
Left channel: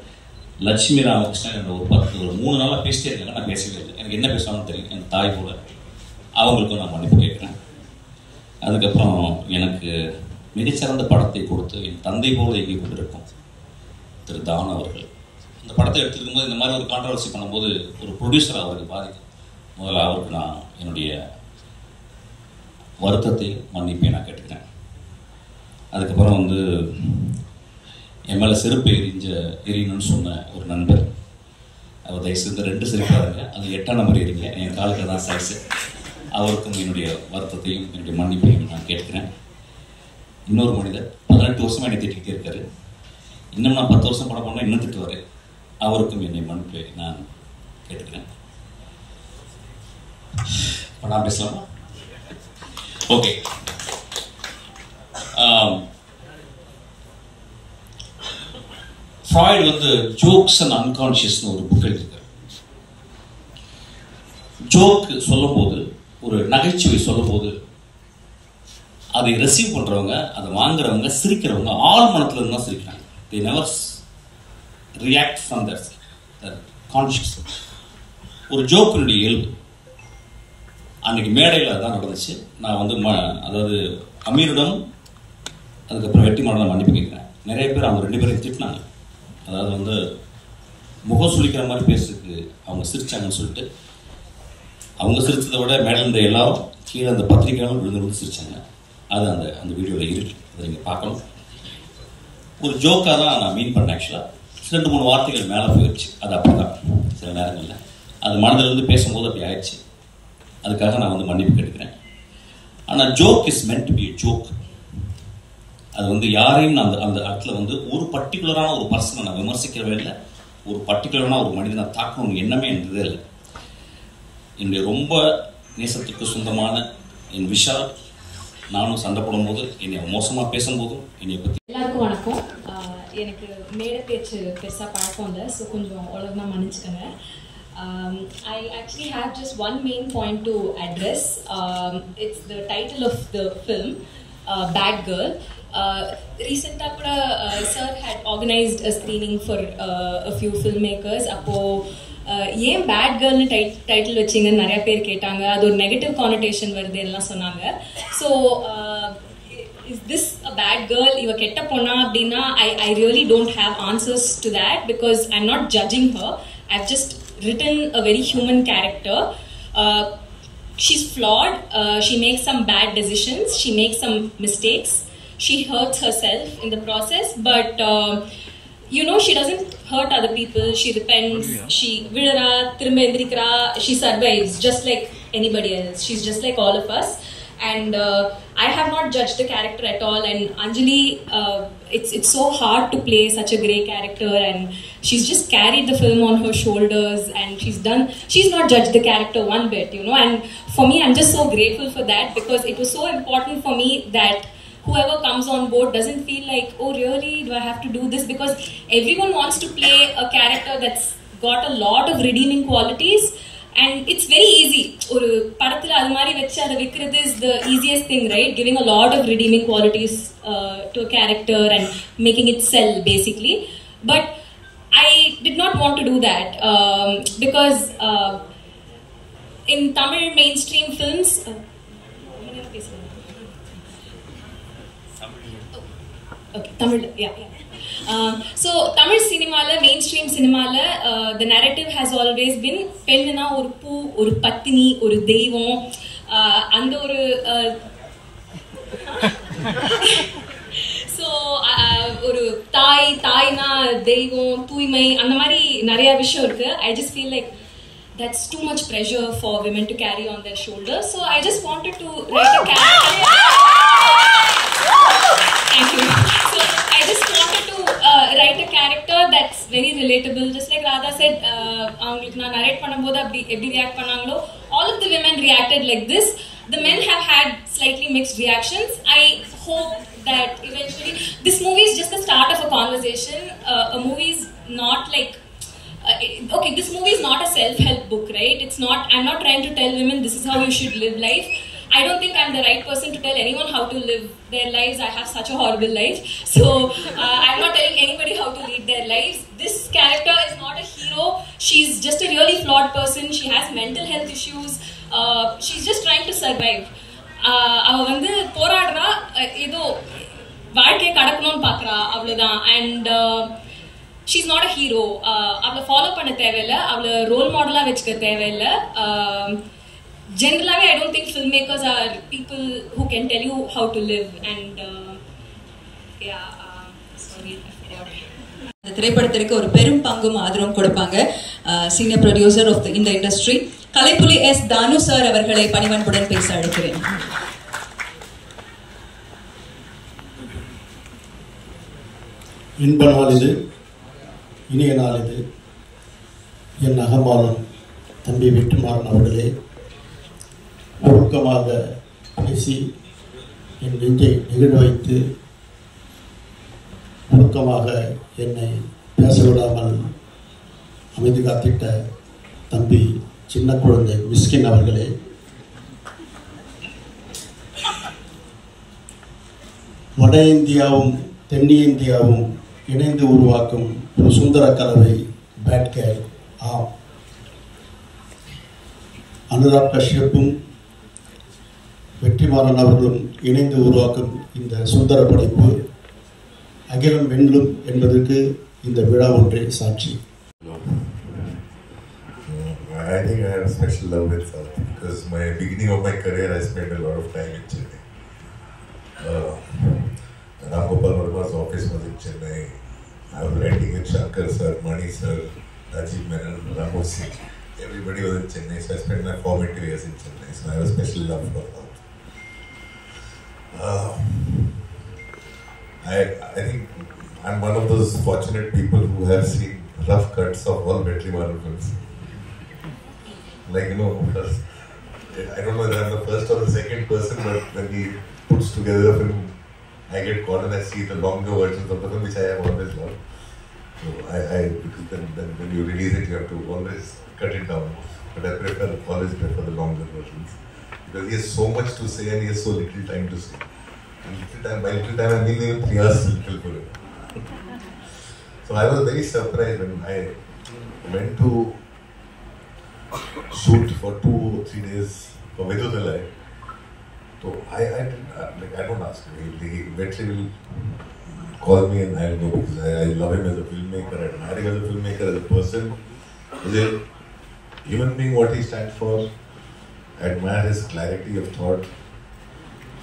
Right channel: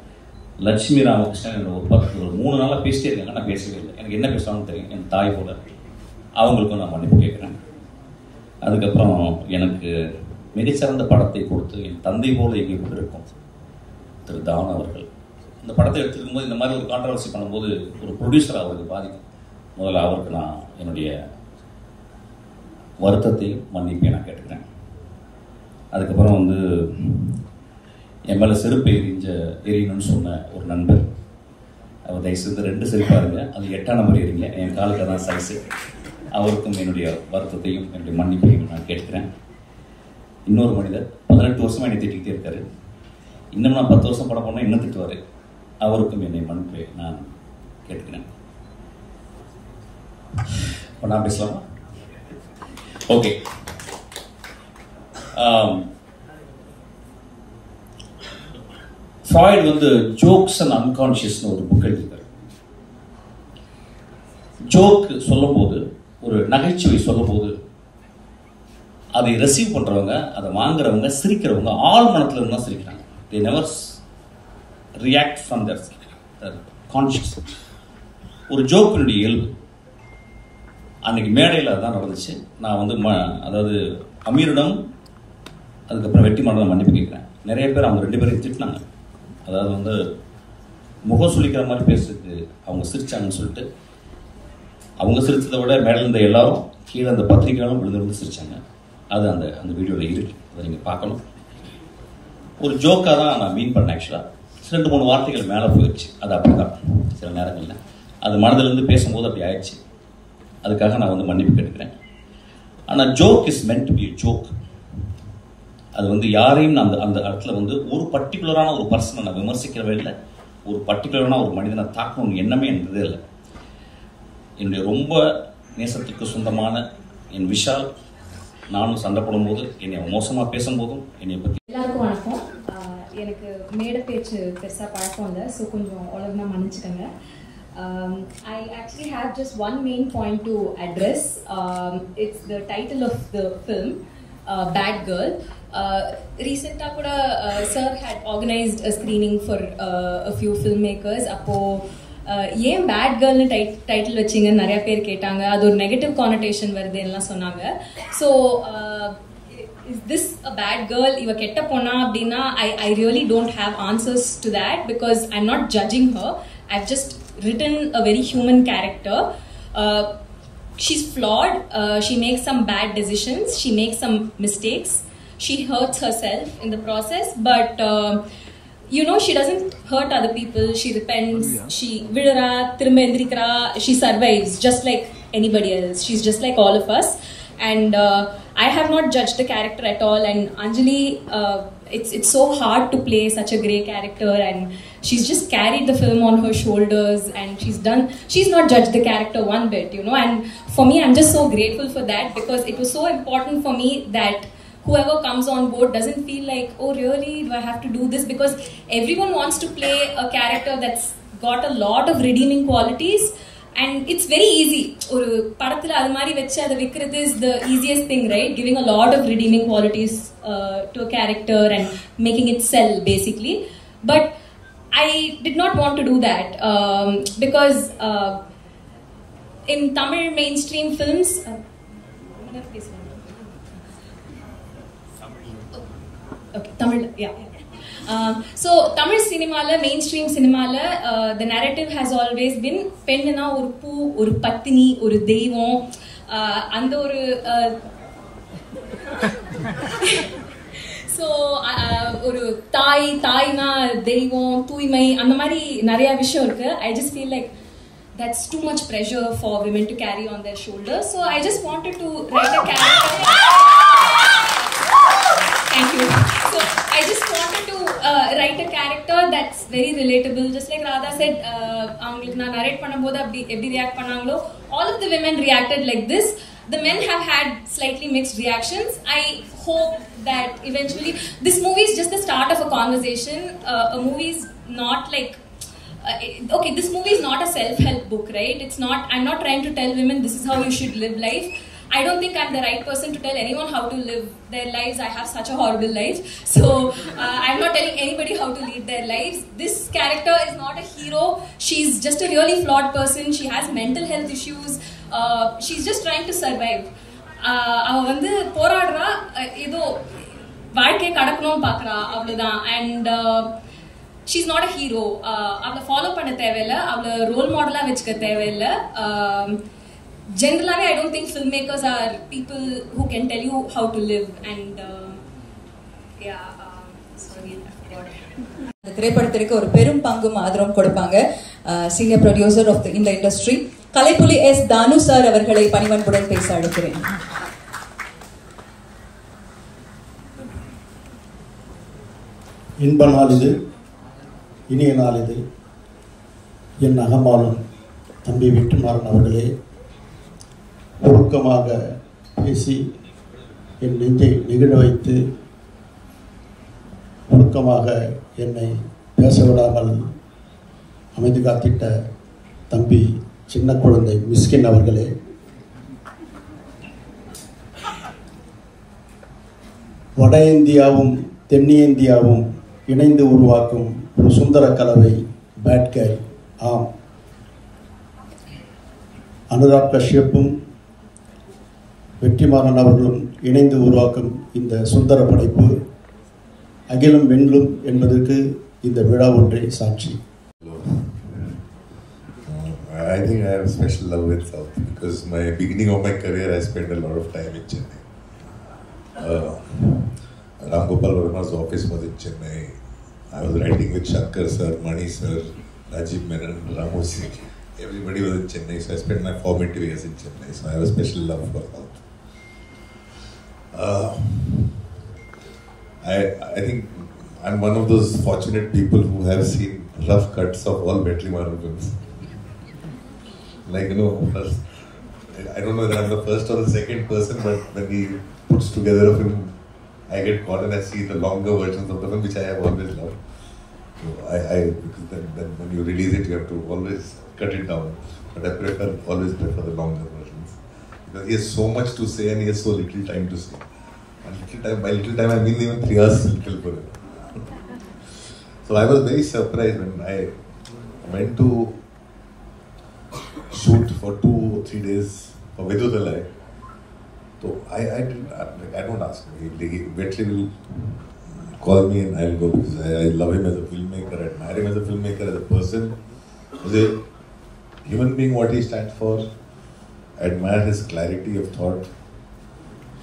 லட்சுமி ராமகிருஷ்ணன் ஒரு 3 நாளாக பேசிட்டே இருக்காங்க, நான் பேசவே இல்லை. எனக்கு என்ன பேசுவாங்கன்னு தெரியும், என் தாய் போல. அவங்களுக்கும் நான் மன்னிப்பு கேட்குறேன். அதுக்கப்புறம் எனக்கு மிகச்சிறந்த படத்தை கொடுத்து என் தந்தை போல இயங்கி கொண்டிருக்கும் திரு தாவன் அவர்கள். இந்த படத்தை எடுத்துக்கும் போது இந்த மாதிரி ஒரு கான்ட்ரவர்சி பண்ணும்போது ஒரு ப்ரொடியூசர் அவருக்கு பாதிக்கும். முதல்ல அவருக்கு நான் என்னுடைய வருத்தத்தை மன்னிப்பை நான் கேட்டுக்கிறேன். அதுக்கப்புறம் வந்து என் மேலே செருப்பு எரியணும்னு சொன்ன ஒரு நண்பர், அவர் தயவுசெய்து 2 செருப்பாக இருங்க, அது 8ஆம் நம்பர் எறிங்க, என் காலுக்கு தான் சைஸு. அவருக்கும் என்னுடைய வருத்தத்தையும் என்னுடைய மன்னிப்பையும் நான் கேட்கிறேன். இன்னொரு மனிதர் 18 வருஷமாக என்னை திட்டிக்கிட்டே இருக்காரு. இன்னும் நான் 10 வருஷம் படம் பண்ணால் இன்னும் திட்டுவார். அவருக்கும் என்னை மன்னிப்பை நான் கேட்டுக்கிறேன். இப்போ நான் பேசலாமா? ஓகே. ஃப்ராய்ட் வந்து ஜோக்ஸ் அண்ட் அன்கான்ஷியஸ்னு ஒரு புக் எழுதியிருக்காரு. ஜோக் சொல்லும்போது, ஒரு நகைச்சுவை சொல்லும்போது அதை ரிசீவ் பண்ணுறவங்க, அதை வாங்குறவங்க, சிரிக்கிறவங்க ஆள் மனத்தில் இருந்து தான் சிரிக்கிறாங்க. they never react from their conscious. ஒரு ஜோக்கினுடைய இயல்பு. அன்னைக்கு மேடையில் அதான் நடந்துச்சு. நான் வந்து அதாவது அமீரிடம் அதுக்கப்புறம் வெற்றிமாறன் மன்னிப்பு கேட்குறேன். நிறைய பேர் அவங்க 2 பேரையும் திட்டினாங்க. அதாவது வந்து முகம் சுளிக்கிற மாதிரி பேசுறதுக்கு அவங்க சிரிச்சாங்கன்னு சொல்லிட்டு, அவங்க சிரிச்சதை விட மேலே இருந்த எல்லாரும் கீழே அந்த பத்திரிகையாலும் விழுந்து சிரிச்சாங்க. அது அந்த அந்த வீடியோவில் இருக்கு, அதை நீங்கள் பார்க்கணும். ஒரு ஜோக்காக தான் நான் மீன் பண்ணேன். ஆக்சுவலாக 2-3 வார்த்தைகள் மேலே போயிடுச்சு. அது அப்படி தான் சில நேரங்களில் அது மனதிலிருந்து பேசும்போது அப்படி ஆயிடுச்சு. அதுக்காக நான் வந்து மன்னிப்பு கேட்டுக்கிறேன். ஆனால் joke is meant to be joke. அது வந்து யாரையும் அந்த அந்த இடத்துல வந்து ஒரு பர்டிகுலரான ஒரு பர்சனை நான் விமர்சிக்கிறவே இல்லை, ஒரு பர்டிகுலரான ஒரு மனிதனை தாக்கணும்னு எண்ணமே இருந்ததே இல்லை. என்னுடைய ரொம்ப நேசத்துக்கு சொந்தமான என் விஷால் நானும் சண்டை போடும்போது, என்னை மோசமாக பேசும்போதும் என்னை பற்றி. எல்லாருக்கும் வணக்கம். எனக்கு மேடை பேச்சு பெருசாக பழக்கம் இல்லை, ஸோ கொஞ்சம் ஒழுங்காக மன்னிச்சுக்கோங்க. I actually have just one main point to address. It's the title of the film, Bad Girl. Recently kuda sir had organized a screening for a few filmmakers. Appo ஏன் பேட் கேர்ள்னு டைட்டில் வச்சிங்கன்னு நிறைய பேர் கேட்டாங்க. அது ஒரு negative கானடேஷன் வருது எல்லாம் சொன்னாங்க. So is this a bad girl, இவ கெட்ட பொண்ணா அப்படின்னா I really don't have answers to that because I'm not judging her. I've just written a very human character. She's flawed. She makes some bad decisions. She makes some mistakes. She hurts herself in the process, but she doesn't hurt other people. She repents. She vidara thirumba endrikra. She survives just like anybody else. She's just like all of us. And I have not judged the character at all. And Anjali, it's so hard to play such a grey character, and she's just carried the film on her shoulders, and she's not judged the character one bit, and for me, I'm just so grateful for that, because it was so important for me that whoever comes on board doesn't feel like, oh really, do I have to do this? Because everyone wants to play a character that's got a lot of redeeming qualities, and it's very easy. ஒரு படத்துல அது மாதிரி வச்சு அதை விக்கிறது is the easiest thing, right? Giving a lot of redeeming qualities to a character and making it sell basically. But I did not want to do that because in Tamil mainstream films Tamil, yeah. So Tamil cinema la, mainstream cinema la, the narrative has always been pennana oru poo, oru pattini, oru deivam, and oru so oru thai na deivam, thuimai, andha mari nariya vishayam irukku. I just feel like that's too much pressure for women to carry on their shoulders. So I just wanted to write a character. Thank you. So I just wanted to write a character that's very relatable. Just like Radha said, avங்களுக்கு நான் narrate பண்ணும்போது எப்படி react பண்ணாங்களோ, all of the women reacted like this. The men have had slightly mixed reactions. I hope that eventually this movie is just the start of a conversation. A movie is not like okay, this movie is not a self-help book, right? It's not. I'm not trying to tell women this is how you should live life. I don't think I'm the right person to tell anyone how to live their lives. I have such a horrible life. So I'm not telling anybody how to lead their lives. This character is not a hero. She's just a really flawed person. She has mental health issues. She's just trying to survive. அவ வந்து போராடுறா, ஏதோ வாழ்க்கையை கடக்கணும்னு பார்க்குறா, அவ்வளோதான். And she's not a hero. அவளை follow பண்ண தேவையில்லை, அவளை ரோல் மாடலாக வச்சுக்க தேவையில்லை. Generally, I don't think filmmakers are people who can tell you how to live. And sorry, I forgot. இந்த திரைப்படத்திற்கு ஒரு பெரும் பங்கும் ஆதரவும் கொடுப்பாங்க சீனியர் ப்ரொடியூசர் ஆஃப் இந்த இண்டஸ்ட்ரி கலைப்புலி எஸ் தானு சார் அவர்களை பணிவன்புடன் பேச அழைக்கிறேன். இன்ப நாள் இது, இனிய நாள் இது. என் அகமாலும் தம்பி வெற்றிமாறன் அவர்களே, ஒழுக்கமாக பேசி என் நெஞ்சை நெகிழ வைத்து ஒழுக்கமாக என்னை பேச விடாமல் அமைதி காத்திட்ட தம்பி சின்ன குழந்தை மிஸ்கின் அவர்களே, வட இந்தியாவும் தென்னிந்தியாவும் இணைந்து உருவாக்கும் ஒரு சுந்தர கலவை பேட் கேர்ள். ஆம், அனுராக் கஷ்யப்பும் வெற்றிமாறன் அவர்களும் இணைந்து உருவாக்கும் இந்த சுந்தர படைப்பு அகிலம் வெல்லும் என்பதற்கு இந்த விழா ஒன்றே சாட்சி. I think I have a special love with South because my beginning of my career I spent a lot of time in Chennai. Ram Gopal Verma's office was in Chennai. I was writing with Shankar sir, Mani sir, Rajiv Menon, Ramu Singh. Everybody was in Chennai, so I spent my formative years in Chennai. So I have a special love for South. I think I'm one of those fortunate people who have seen rough cuts of all Vetrimaran films. Like, you know, first, I don't know if I'm the first or the second person, but when he puts together a film, I get caught and I see the longer versions of the film, which I have always loved. So then when you release it, you have to always cut it down. But I always prefer the longer versions. Because he has so much to say and he has so little time to say. And by little time I mean even 3 hours little for him. So I was very surprised when I went to shoot for 2 or 3 days for Viduthalai. So I don't ask him. Vetri will call me and I'll go because I love him as a filmmaker, I admire him as a filmmaker, as a person, as a human being, what he stands for. I admire his clarity of thought.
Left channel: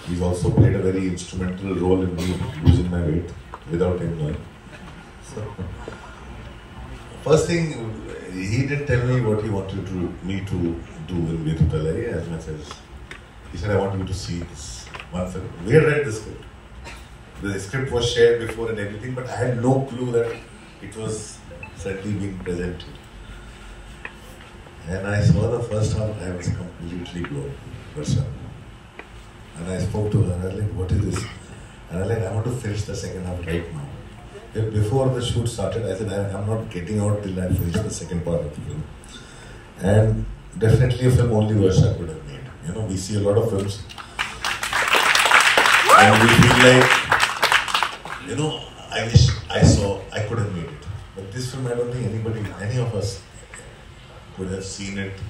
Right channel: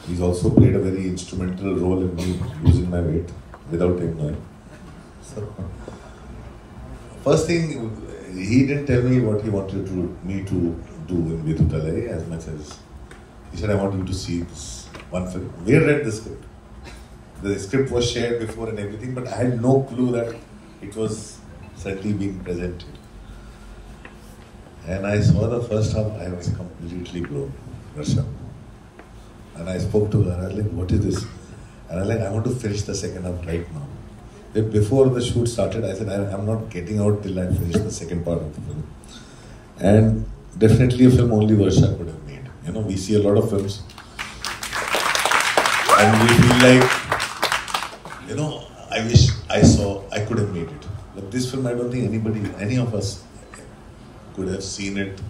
He's also played a very instrumental role in me losing my weight without him knowing. So, first thing, he didn't tell me what he wanted me to do in Viduthalai as much as he said, I want you to see this one film. We had read the script. The script was shared before and everything, but I had no clue that it was suddenly being presented. And I saw the first half, I was completely blown. Varsha. And I spoke to her, I was like, what is this? And I was like, I want to finish the second half right now. Yet before the shoot started, I said, I'm not getting out till I finish the second part of the film. And definitely a film only Varsha could have made. You know, we see a lot of films and we feel like, you know, I wish I could have made it. But this film, I don't think any of us could have seen it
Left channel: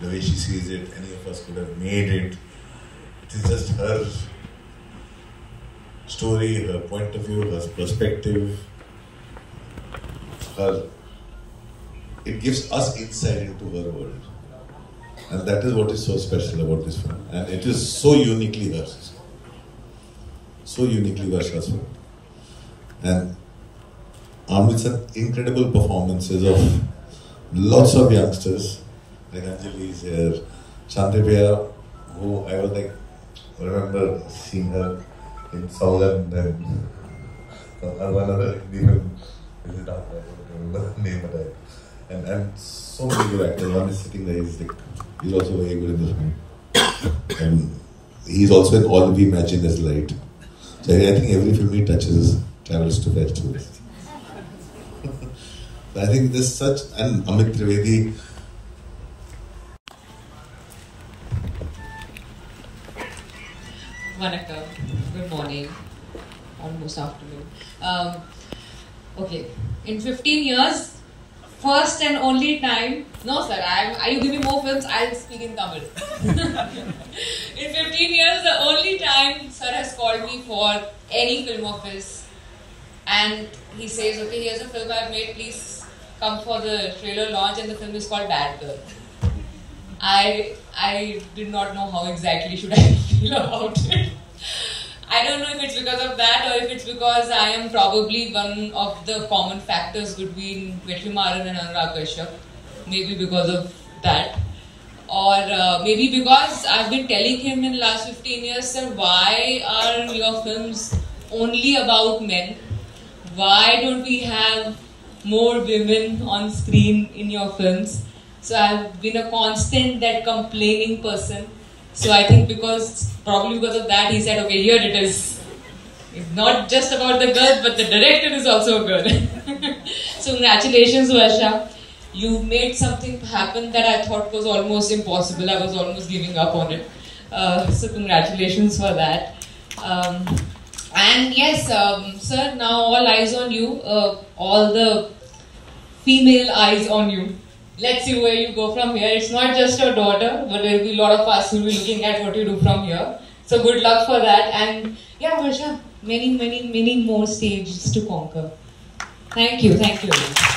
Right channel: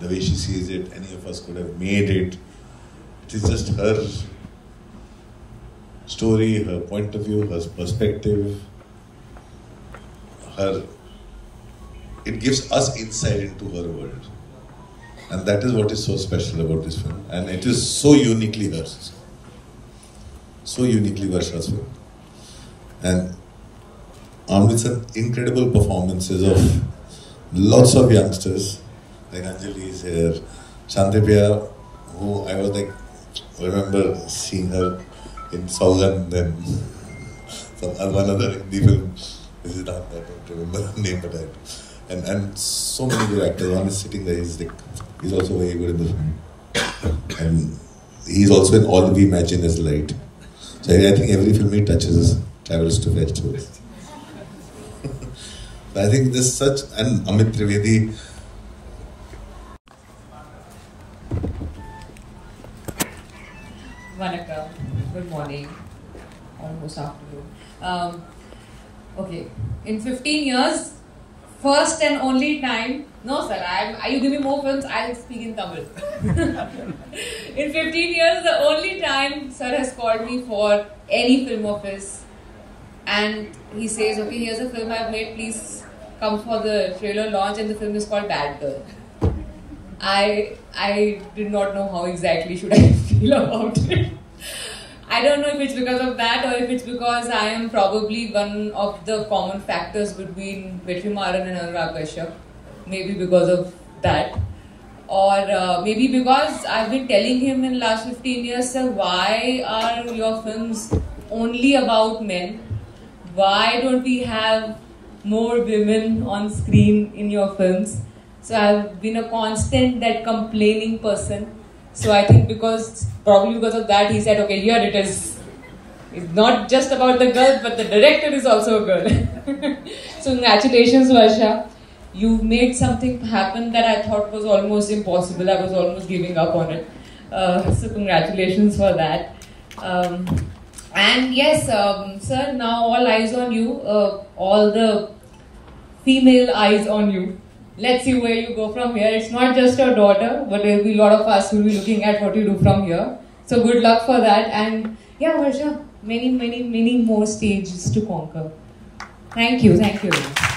the way she sees it. Any of us could have made it. It is just her story, her point of view, her perspective. It gives us insight into her world. And that is what is so special about this film. And it is so uniquely hers. So uniquely Varsha's film. And with some incredible performances of lots of youngsters, like Anjali is here, Shantipaya, who I was like, remember seeing her in Sauhan, then from one other Hindi film, this is not, I don't remember the name, but and so many good actors. One is sitting there, he's also very good in this film. And he's also in All We Imagine Is Light. So I think every film he touches travels to festivals. I think this is such an Amit Trivedi. Vanakkam. Good morning. Almost afternoon. Okay. In 15 years, first and only time. No, sir. You give me more films, I'll speak in Tamil. In 15 years, the only time sir has called me for any film of his, and he says, "Okay, here's a film I've made. Please come for the trailer launch," and the film is called Bad Girl. I did not know how exactly should I feel about it. I don't know if it's because of that or if it's because I am probably one of the common factors between Vetrimaran and Anurag Kashyap. Maybe because of that. Or maybe because I've been telling him in the last 15 years, sir, why are your films only about men? Why don't we have more women on screen in your films? So I've been a constant that complaining person. So I think probably because of that, he said, okay, here it is. It's not just about the girl, but the director is also a girl. So congratulations, Varsha. You made something happen that I thought was almost impossible. I was almost giving up on it. So congratulations for that. And yes, sir, now all eyes on you. All the female eyes on you. Let's see where you go from here. It's not just your daughter, but there will be a lot of us who will be looking at what you do from here. So good luck for that, and yeah, Varsha, many more stages to conquer. Thank you.